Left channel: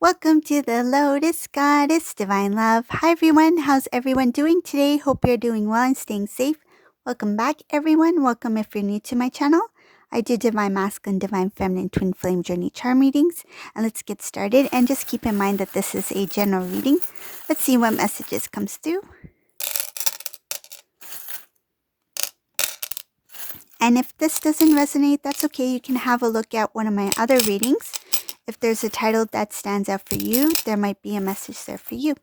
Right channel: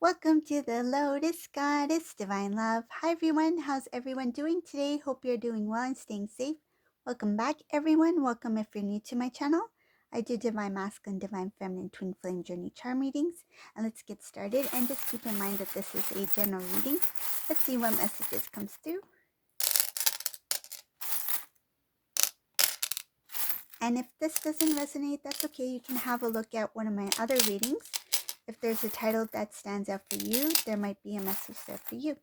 Welcome to the Lotus Goddess Divine Love. Hi everyone, how's everyone doing today? Hope you're doing well and staying safe. Welcome back everyone. Welcome if you're new to my channel. I do Divine Masculine, Divine Feminine, Twin Flame Journey Charm readings. And let's get started. And just keep in mind that this is a general reading. Let's see what messages comes through. And if this doesn't resonate, that's okay. You can have a look at one of my other readings. If there's a title that stands out for you, there might be a message there for you.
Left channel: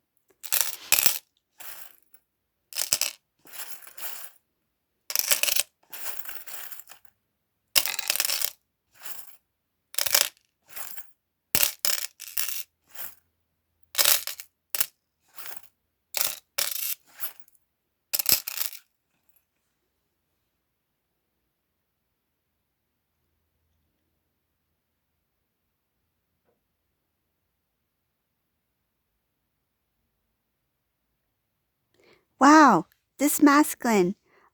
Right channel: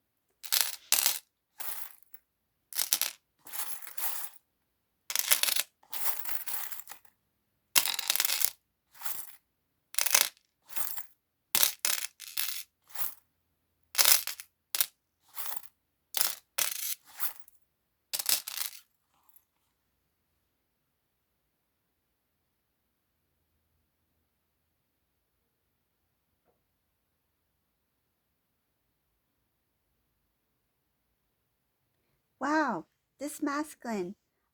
Wow, this masculine.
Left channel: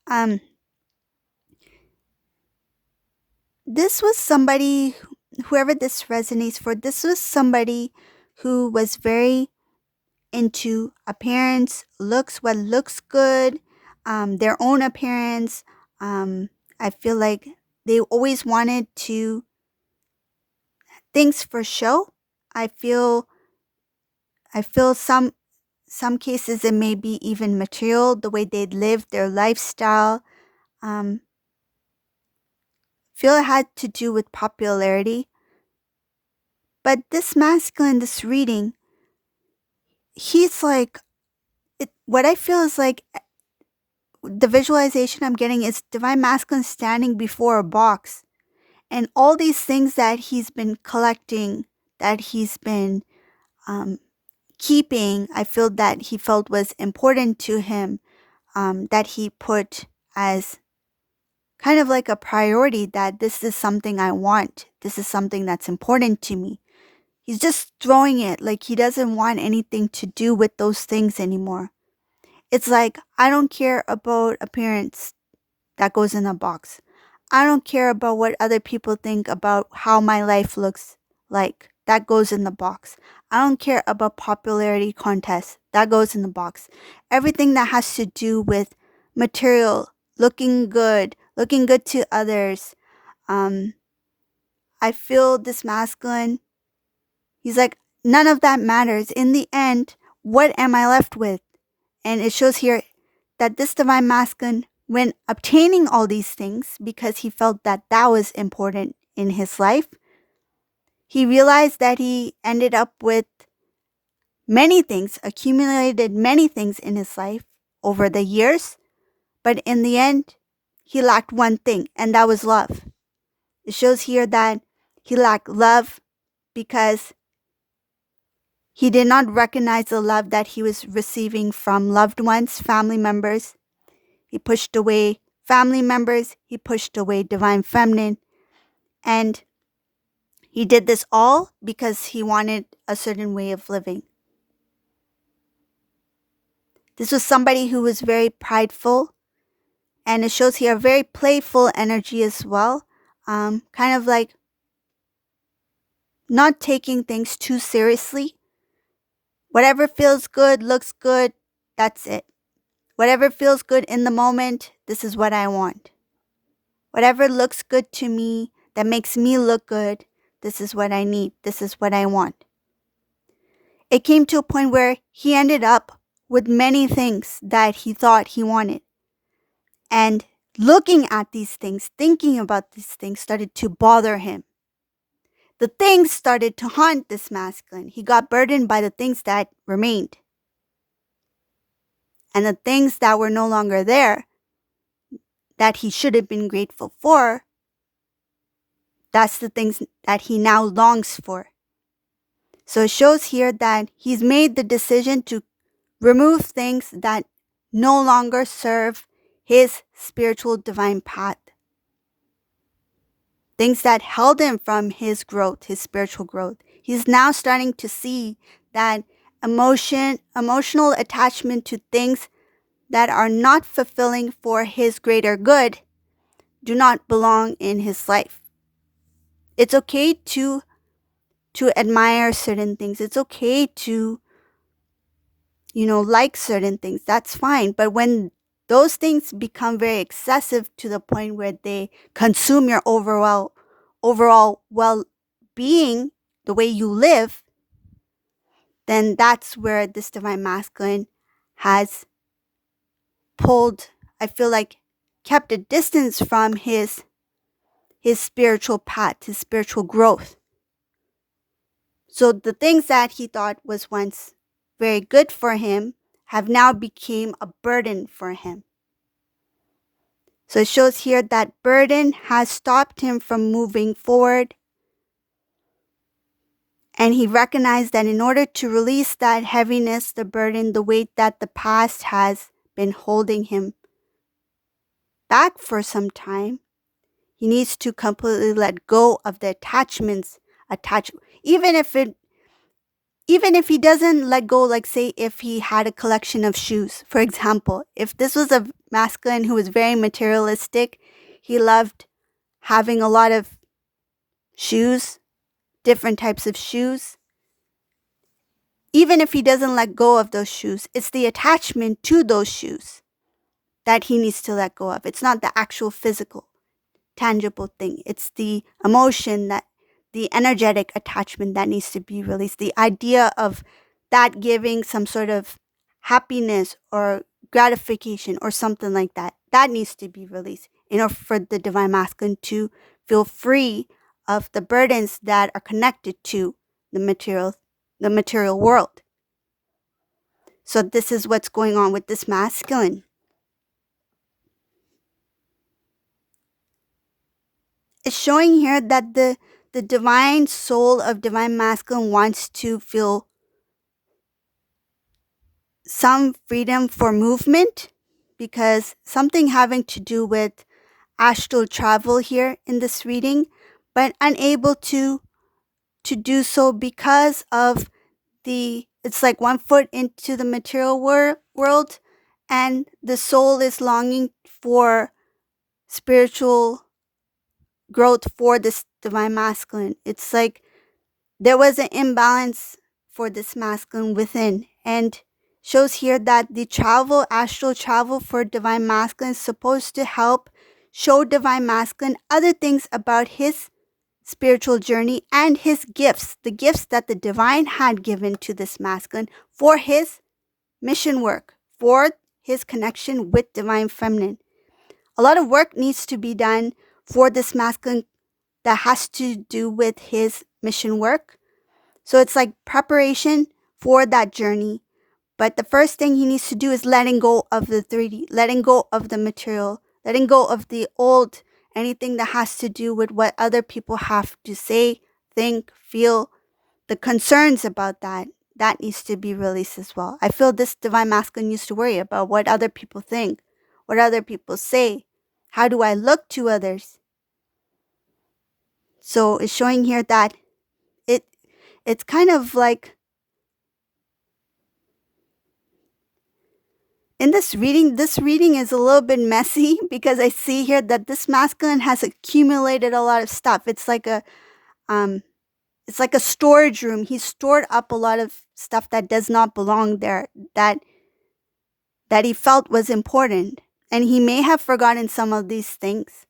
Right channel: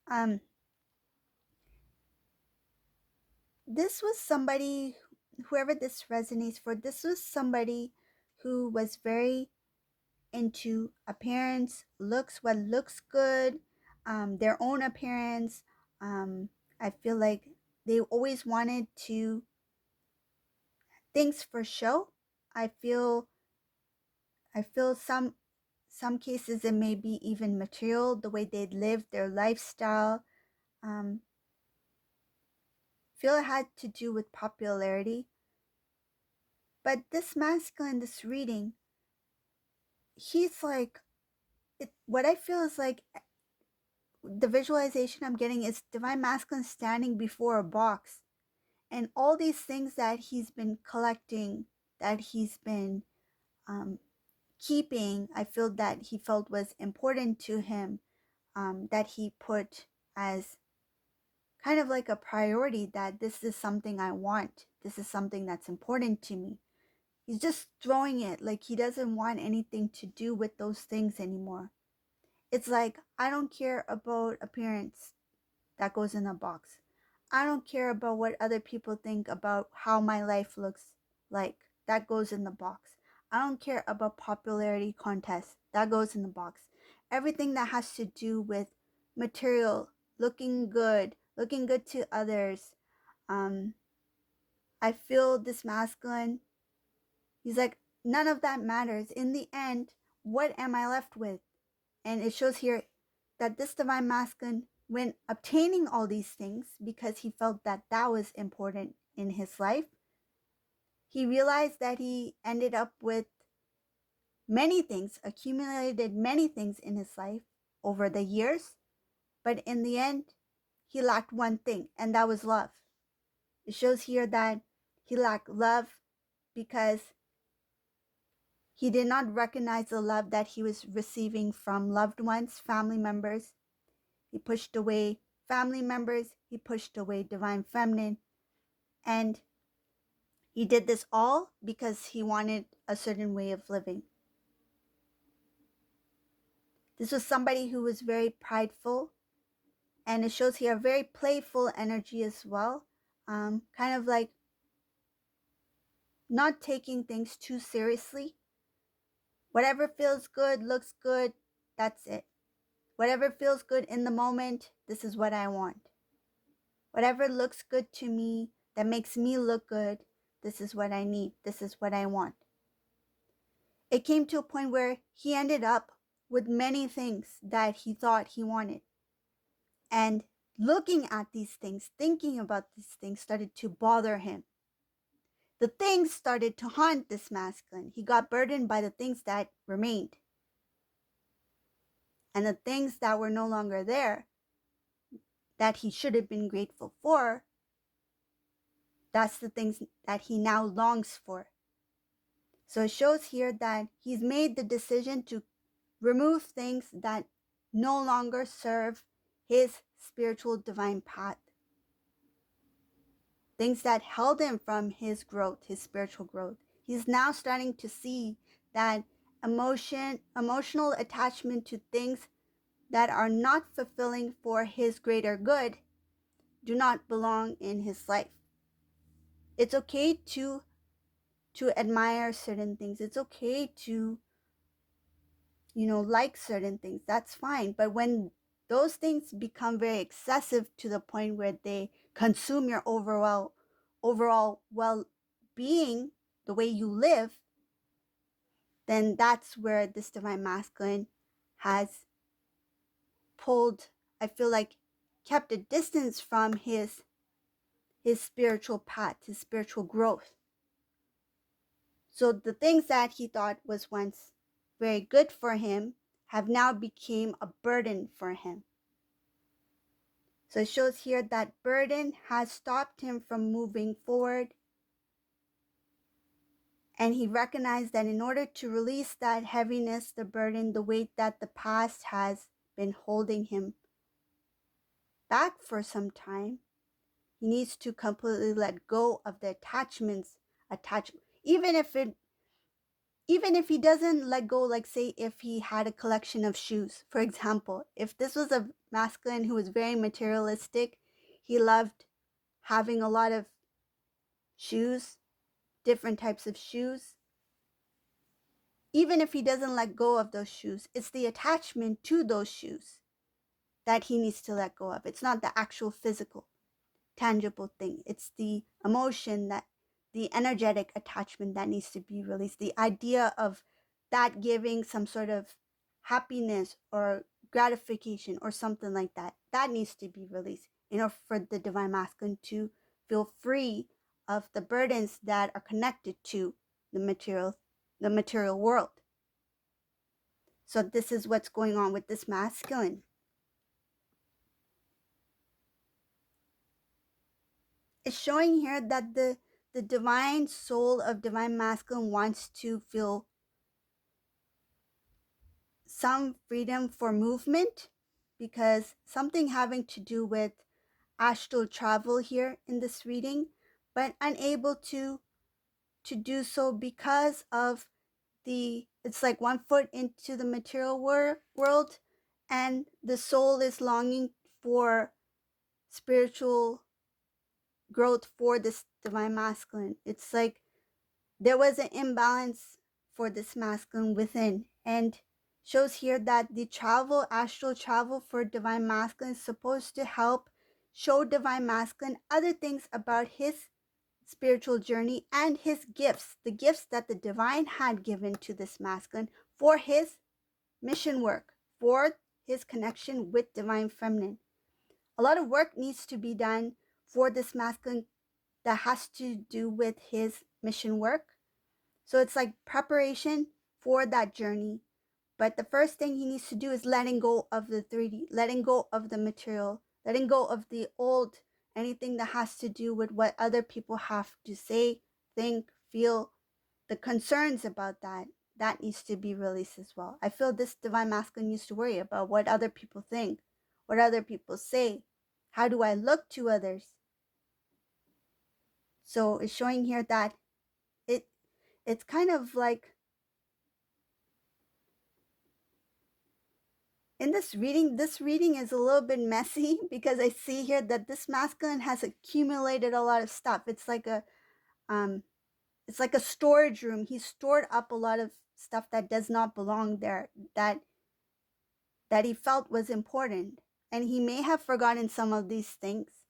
Um, this was somebody, whoever this resonates for, this was somebody who was very into appearance, looks, what looks good, their own appearance. I feel like they always wanted to things for show. I feel some cases it may be even material, the way they lived their lifestyle. Feel it had to do with popularity. But this masculine, this reading, he's like, what I feel is like the visualization I'm getting is Divine Masculine standing before a box. And all these things that he's been collecting, that he's been keeping, I feel that he felt was important to him, that he put as kind of like a priority, that this is something I want. This is something that's important to me. He's just throwing it like he doesn't want anything to do with those things anymore. It's like, I don't care about appearance, that goes in a box. I don't care about what other people think about how my life looks like, that goes in the box. I don't care about popularity contests, that goes in the box. Everything that has to do with material, looking good to others. I feel this masculine, he's like, none of that matters. In the end, what am I left with? And it shows here that this divine masculine, when obtaining all these things, because he felt that that was important in his life, he realized that he ended up with many things, accumulated many things in his life over the years. But in the end, he lacked one thing, and that was love. It shows here that he lacked love because he did not recognize the love that he was receiving from loved ones, family members. He pushed away family members. He pushed away Divine Feminine. And he did this all because he wanted a certain way of living. This was somebody who was very prideful. And it shows here a very playful energy as well. Kind of like not taking things too seriously. Whatever feels good, looks good, that's it. Whatever feels good in the moment, this is what I want. Whatever looks good to me, that makes me look good, this is what I need. This is what I want. It came to a point where he ended up with many things that he thought he wanted. And looking at these things, thinking about these things started to bother him. The things started to haunt this masculine. He got burdened by the things that remained. And the things that were no longer there, that he should have been grateful for, that's the things that he now longs for. So it shows here that he's made the decision to remove things that no longer serve his spiritual divine path. Things that held him from his growth, his spiritual growth. He's now starting to see that emotional attachment to things that are not fulfilling for his greater good do not belong in his life. It's okay to to admire certain things. It's okay to, like certain things. That's fine. But when those things become very excessive to the point where they consume your overall well-being, the way you live, then that's where this divine masculine has pulled, I feel like, kept a distance from his spiritual path, his spiritual growth. So the things that he thought was once very good for him have now become a burden for him. So it shows here that burden has stopped him from moving forward. And he recognized that in order to release that heaviness, the burden, the weight that the past has been holding him back for some time, he needs to completely let go of the attachments even if he doesn't let go, like say if he had a collection of shoes, for example, if this was a masculine who was very materialistic, he loved having a lot of shoes, different types of shoes. Even if he doesn't let go of those shoes, it's the attachment to those shoes that he needs to let go of. It's not the actual physical, tangible thing. It's the emotion, that the energetic attachment that needs to be released. The idea of that giving some sort of happiness or gratification or something like that, that needs to be released in order for the divine masculine to feel free of the burdens that are connected to the material world. So this is what's going on with this masculine. It's showing here that the divine soul of divine masculine wants to feel some freedom for movement, because something having to do with astral travel here in this reading, but unable to do so because of it's like 1 foot into the material world, and the soul is longing for spiritual growth for this divine masculine. It's like there was an imbalance for this masculine within, and shows here that the astral travel for divine masculine is supposed to help show divine masculine other things about his spiritual journey and his gifts, the gifts that the divine had given to this masculine for his mission work, for his connection with divine feminine. A lot of work needs to be done for this masculine that has to do with his mission work. So it's like preparation for that journey. But the first thing he needs to do is letting go of the 3D, letting go of the material, letting go of the old, anything that has to do with what other people have to say, think, feel, the concerns about that needs to be released as well. I feel this divine masculine used to worry about what other people think, what other people say, how do I look to others. So it's showing here that it's kind of like, in this reading is a little bit messy because I see here that this masculine has accumulated a lot of stuff. It's like a storage room. He's stored up a lot of stuff that does not belong there, that he felt was important. And he may have forgotten some of these things.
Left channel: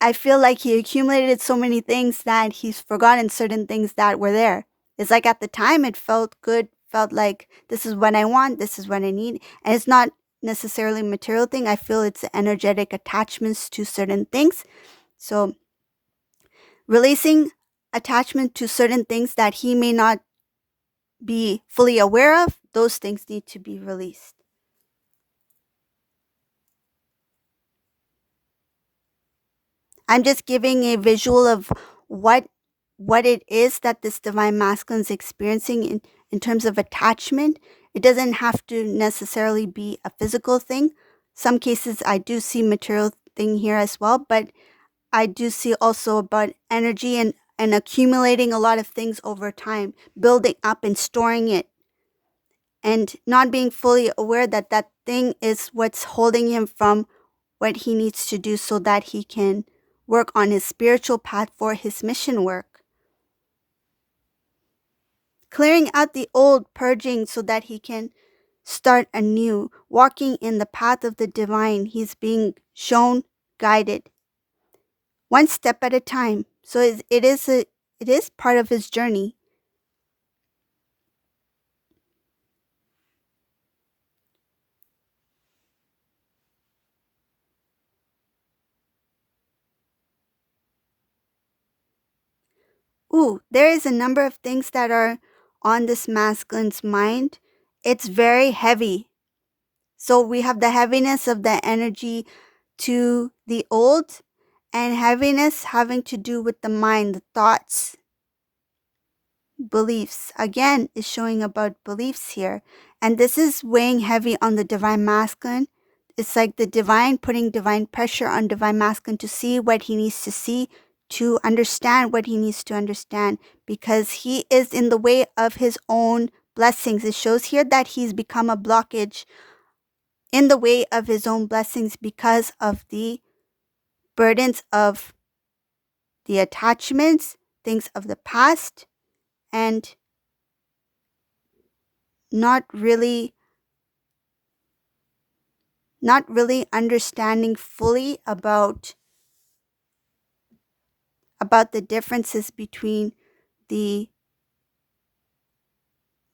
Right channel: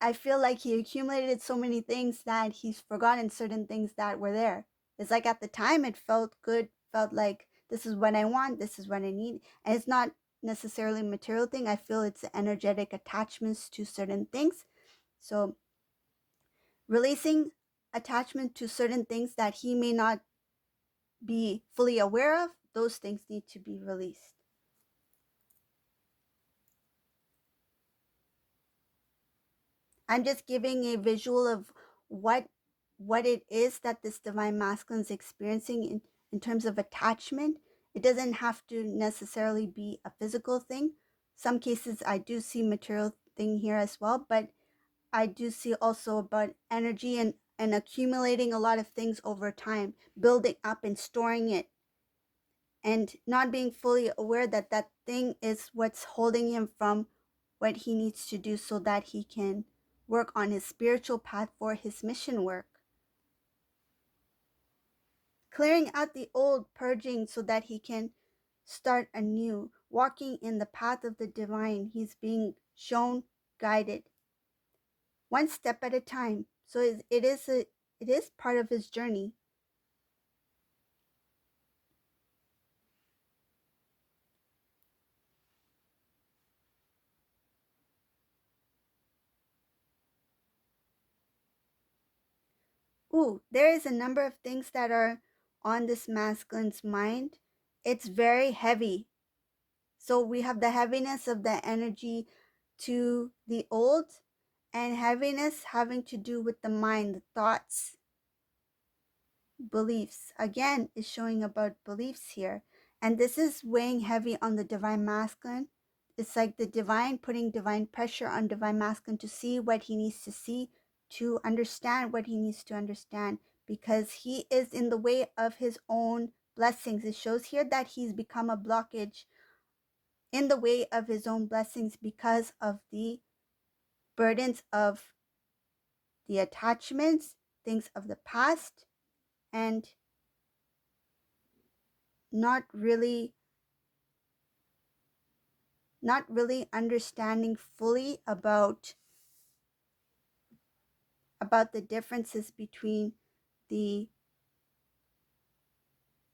I feel like he accumulated so many things that he's forgotten certain things that were there. It's like at the time it felt good, felt like this is what I want, this is what I need. And it's not necessarily a material thing. I feel it's energetic attachments to certain things. So releasing attachment to certain things that he may not be fully aware of, those things need to be released. I'm just giving a visual of what it is that this divine masculine is experiencing in terms of attachment. It doesn't have to necessarily be a physical thing. Some cases I do see material thing here as well, but I do see also about energy and accumulating a lot of things over time, building up and storing it, and not being fully aware that that thing is what's holding him from what he needs to do so that he can work on his spiritual path for his mission work. clearing out the old, purging so that he can start anew, walking in the path of the divine. He's being shown, guided, one step at a time. So it is part of his journey. Ooh, there is a number of things that are on this masculine's mind. It's very heavy. So we have the heaviness of the energy to the old, and heaviness having to do with the mind, the thoughts, beliefs. Again, is showing about beliefs here. And this is weighing heavy on the divine masculine. It's like the divine putting divine pressure on divine masculine to see what he needs to see, to understand what he needs to understand, because he is in the way of his own blessings. It shows here that he's become a blockage in the way of his own blessings because of the burdens of the attachments, things of the past, and not really understanding fully about the differences between the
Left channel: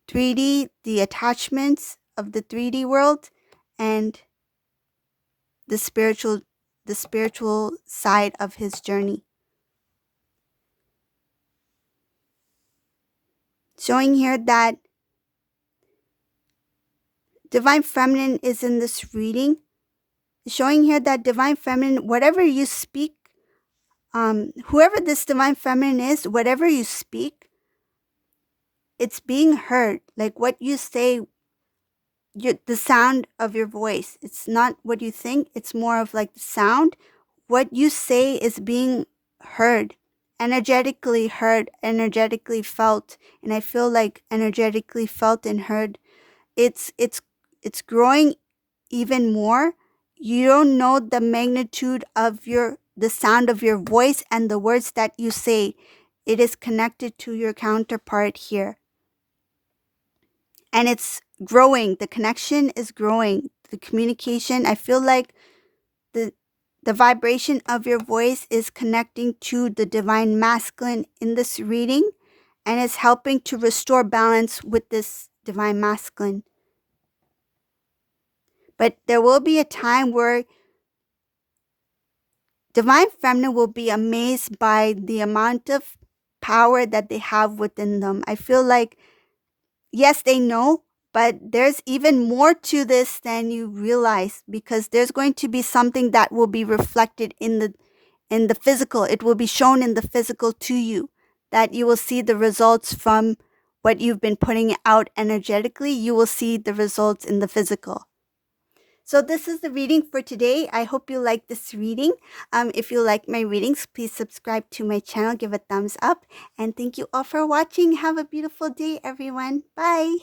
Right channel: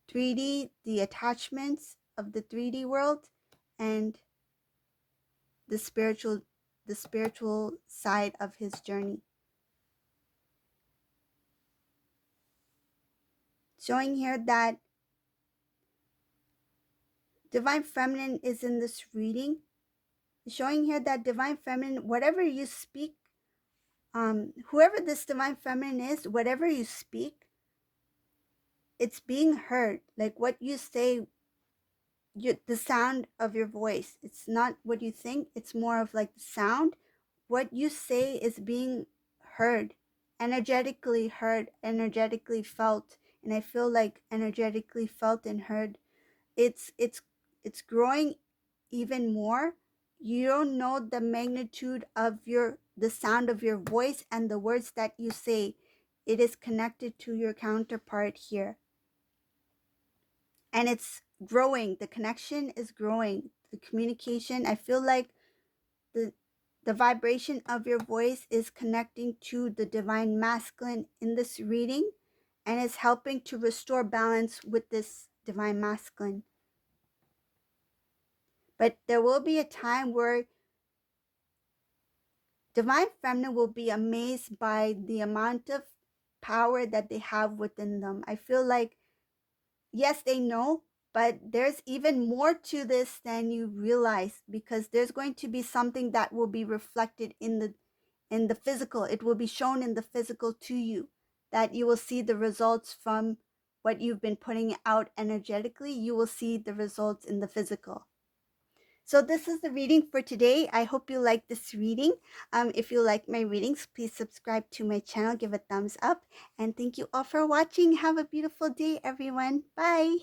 3D, the attachments of the 3D world, and the spiritual side of his journey. Showing here that divine feminine is in this reading. Showing here that divine feminine, whatever you speak, whoever this divine feminine is, whatever you speak, it's being heard. Like what you say, the sound of your voice. It's not what you think. It's more of like the sound. What you say is being heard, energetically felt. And I feel like energetically felt and heard. It's growing even more. You don't know the magnitude of the sound of your voice and the words that you say. It is connected to your counterpart here. And it's growing. The connection is growing. The communication, I feel like the vibration of your voice is connecting to the divine masculine in this reading, and is helping to restore balance with this divine masculine. But there will be a time where divine feminine will be amazed by the amount of power that they have within them. I feel like, yes, they know, but there's even more to this than you realize, because there's going to be something that will be reflected in the physical. It will be shown in the physical to you, that you will see the results from what you've been putting out energetically. You will see the results in the physical. So this is the reading for today. I hope you like this reading. If you like my readings, please subscribe to my channel, give a thumbs up, and thank you all for watching. Have a beautiful day, everyone. Bye.